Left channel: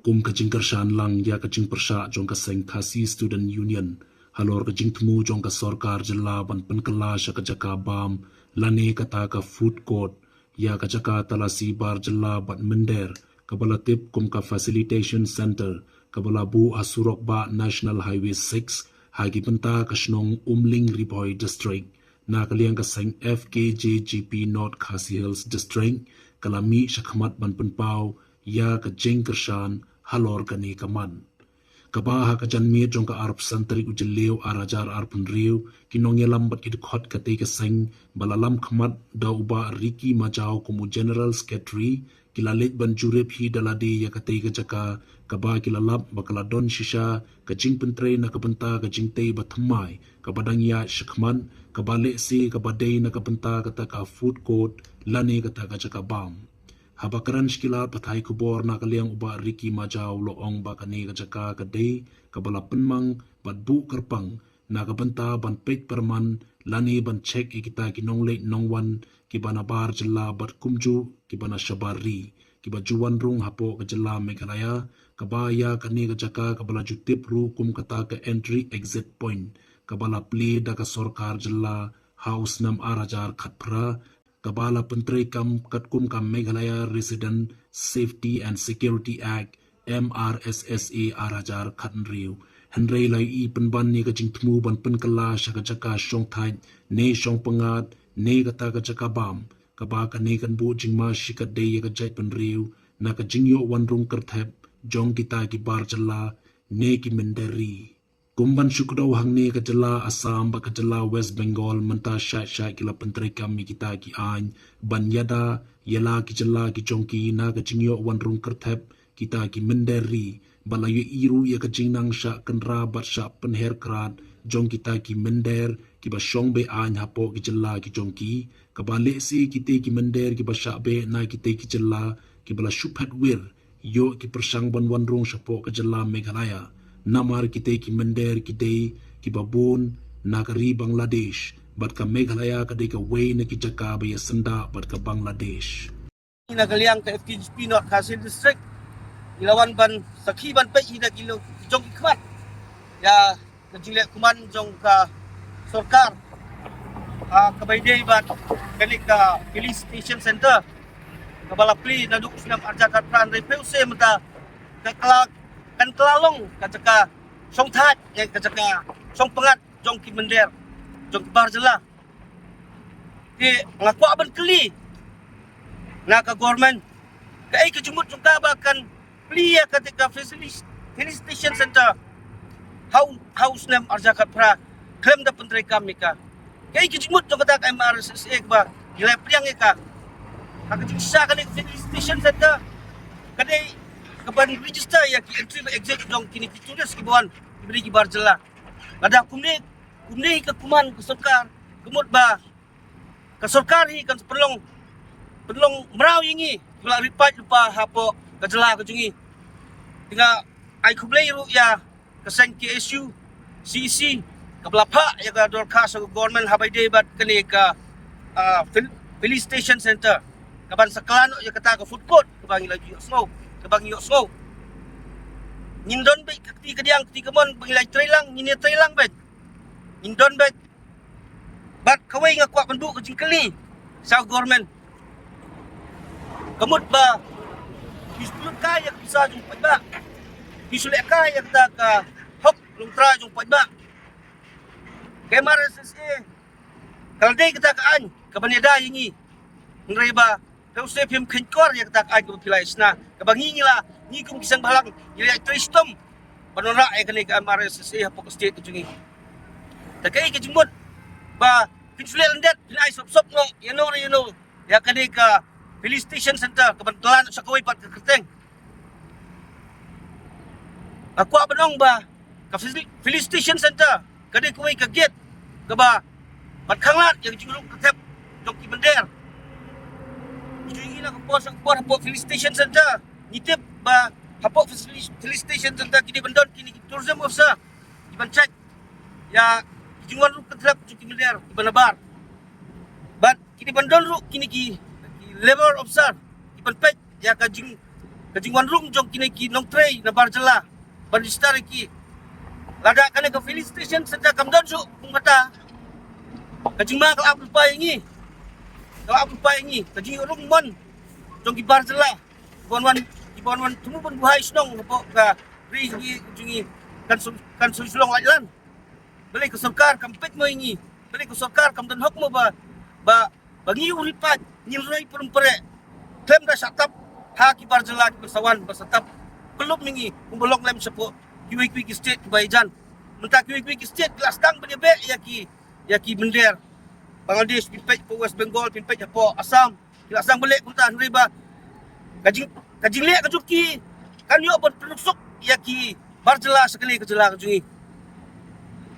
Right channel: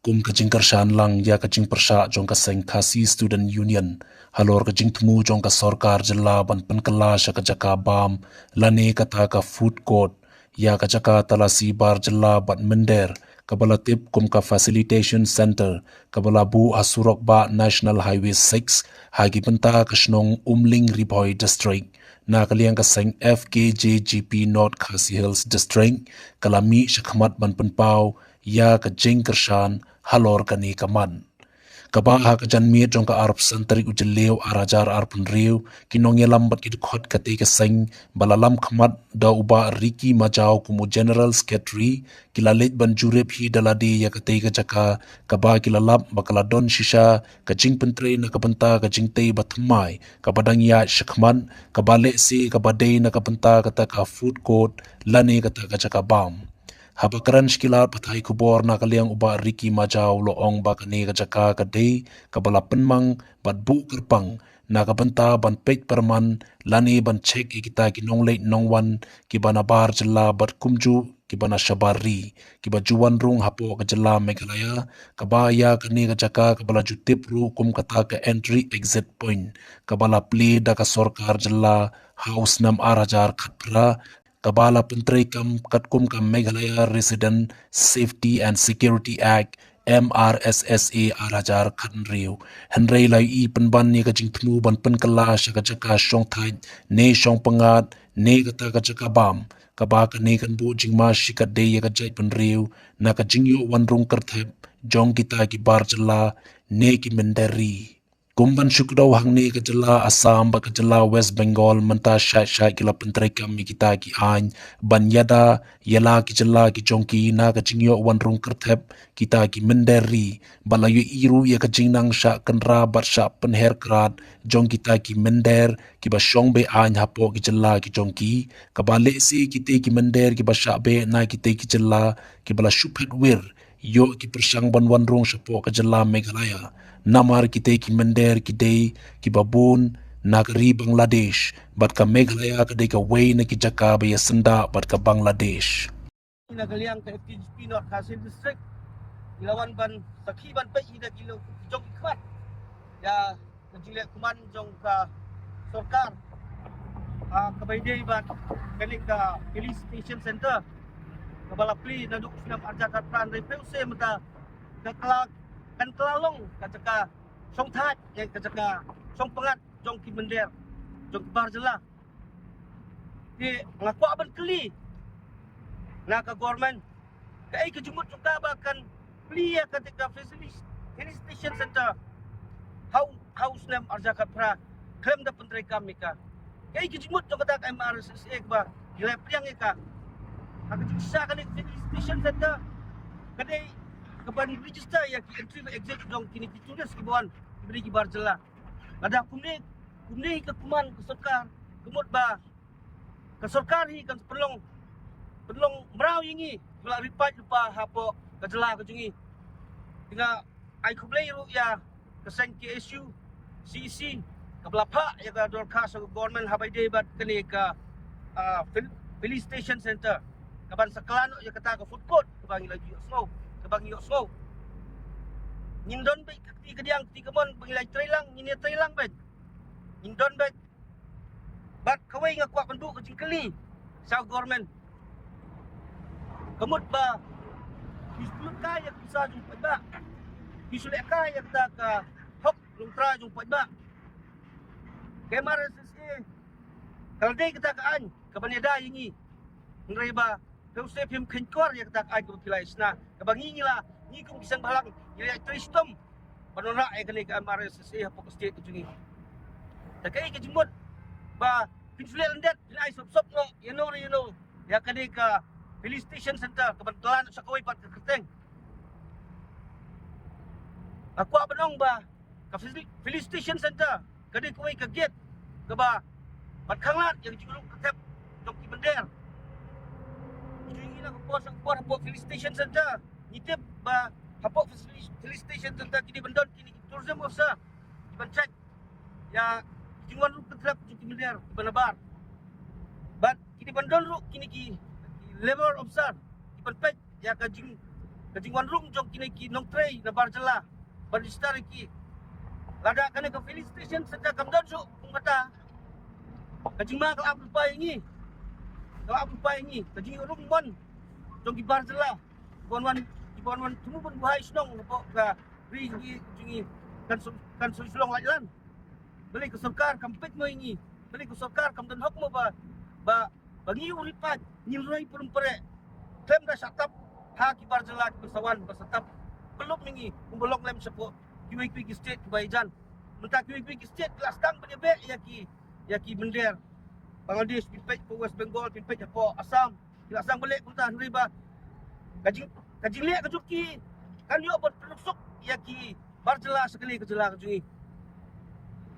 kum kajing karshan lang ya kajing persha jong ka seng khasi student union halor kajing temu jong ka sorkar jela ban penkala sha ka jaka bam lane kata ka food court ya ka jaka talasi bar jela ban mender kabala tip kum ka facilitation center kabala bu asurok ba national highway 6 hagi penta ka shnong umling riboy district na kaliang ka seng FKJGP North Khasi Hills District kalami shakmat ban penpau ya ka jing kershan halor kani kaman. Kabaha ka janmi jong ka arp sentari ujeleu arajar arpun riu kinong yelam bat kid khot kate ka seng balalam khamat da uba riki majau kumu general secretary kilalet ban jurep hi dalade ya kate ka jaka kaba kilalap bakala don shisha ka jing pentre na kapenta ka jing te bathmai kabadang ya shakman kabale si kabade na kapenta kata ka food court lane kata ka jaka bam. Habakaran shkila pathai kubor na kaliang uba riki majau loong ba kane ka jaka ka day kabala penmang bat bu kerpang na kabanta ban pek perman lani ban cek ikita kinong late nongwan kibana bar jela bat kumju kibana shabari kiba juwan rung hapo ka jela Meghalaya kabaya kane ka jaka kabala jutip ru kum kata ka entry exit point kabala pli da ka sorkar jela house nam arajar khatpra Kabala Pentri Kam Katkum Kam Meghalaya Resident Safety and Security Act MRSSA Arajar Khatnriu Henry Lai I Penban ni kajing temu ban penkala shaka jaka shong thai ne shong pangat ne kata kajaka bam kaba ka ne kan bu jingma shika de ya kajai penriu na kajing yo wan rung kerthep jong kita ki bar jala ne ki menderi Kumban syukdaw hangni kajala Assam ba kajala West Bengal menta syai kila pentrai kami kita ki any banyada yala ki jala ki jongki na kajingyo wan rung kerthep kita ki menderi balayu iru ya kajingnang sya kenra bat sya penher krat jong kita ki mender ki ba syong be any hapo ki jala ki jongki kabale si kita ki mender ki ba sya be na kita ki jala ki bala syuphet wir yo ki persang ban wan rung syapo kajala Meghalaya namar kita ki mender kita ki babun nagari Bangladesh bat ka Meghalaya kadai ka way na ki jaka ba senda bat ka Bangladesh nagaliang ka FKJP North Khasi District ilawan ban sakhi ban pe ida kilo jong ikmat ya kajile kuman jong ka sorkar kabaydey bat kali ka police station center kabalapli naduk sinam arjakat pran repuse mata kaklak kan kelalong kajaka song that ya kajaka song pengat jong ki mender jong bar jela ki ngaku aban keli na ka government kai ke jumut jong ka bakan plia ketika police station center house nam arjakat pra klaim da pentrai kami ka kai ke jumut jong kata MRSSA ba gila pliang ka kakajisa kali police station center kadai kapan register ya ki entry ba exit dong kini kitudes ki buan diberi ki barjela ada kumne ke kuman ke sorkar kemut ba ke sorkar hi kan perlong merau yingi bela ripat lupa hapo kajela kajungi tinga ai kublei ru ya keseng KSU CEC kablapa ya ka dorka sa government habai day bat kani ka police station center kaban saklano ya kata ka food court kabangi lagi smoke kabang yo so nindon bet kati kadiang kati kamon bangilay trailang nyine trailang bet nindon bet bat kaway nga kwa pandu kajing kali sa government kamut ba bisulot kaya bisa jung pagba bisulot kaya kata ka hok luntra jung pagba kay MRSSA kalday kata kaan kabaneda yingi ngray ba kau setiap yang kenkor yang tak ada pilih isna, kebangi lah, ni kum kisang balang, jadi tristom, panora ay kani ka MRSSA hapok state kujungi. Takai kejumut, ba pinsulil landet, pinay sop no, you know, ya kani ka police station center, kebantuan sa kaway pat kerteng. Aku abanong ba, ka police station center, kani kaway ka gate, kaba patkanglat yang juluk ketep, joki bender. Jadi nak kuat hapok police station center nitip ba hapok police station center kini bendon kini tourism officer iban check ya jungan ru ketrap cuki miliar iban bar but kini bendon ru kini ki labor officer iban pek ya kajing kajingwan rung jong kini ki nong tray na barjala bandistari ki lada kane ka filling station sedang kamdan su kung mata kajing mga kalapul pa ingi kajing rung mon jong ki barjala Iban tumubon buhay snong po ka ri jungi kan sulong ajalan balik ke sarkar kampet mo ingi balik ke sarkar kam dan hok mo ba bagi uripat nilai perumpare klem da satap ha ki barjala ki bersawan basatap belum mingi umbolok lem sepo kiwi state Bajan mentah kiwi state kelas tang benebe ya ki bender Bangladesh pinpej po West Bengal pinpej po Assam kelas tang balik kunta riba kajing lek kajuki kan yo berproduk ya ki barjala sekali kejela kajungi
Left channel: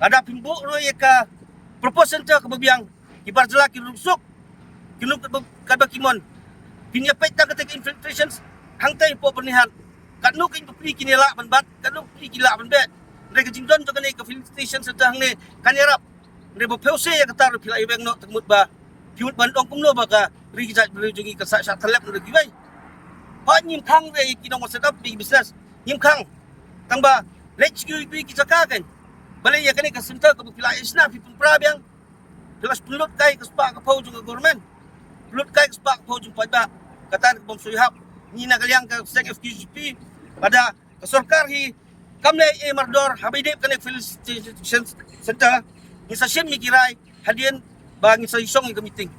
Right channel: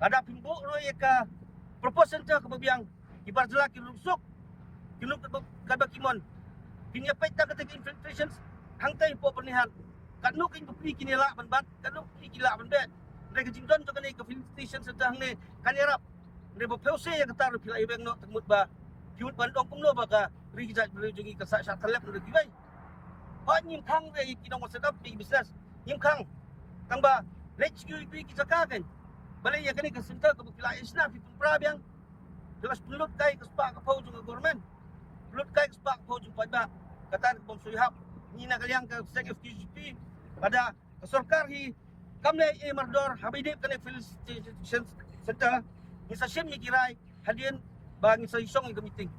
ada pimbu ro ya ka proposal ta kebabiang ki barjala ki rusuk kinuk kadba kimon pinya pet ta ketika infiltrations hangtai po pernihan kanu kin pri kinela banbat kanu pri kila banbet mereka jingdon to kane ke filling station sedang ne kanirap mereka pause ya katar pila ibeng no temut ba piut bandong kumno ba ka ri kijat berujungi ke sa talep no gibai pa nyim khang re kinong set up big business nyim khang tang ba let's go bi kijakakan balai ya kane ka center ka pila isna pipun prabyang jelas pelut kai ke spa ka pau juga government pelut kai ke spa ka pau jung pada kata bom suihap ni na kaliang ka sek FQGP pada ke sarkar hi kamle e mardor habidip kane filling station center ni sa shem mi kirai hadian ba ni sa isong i meeting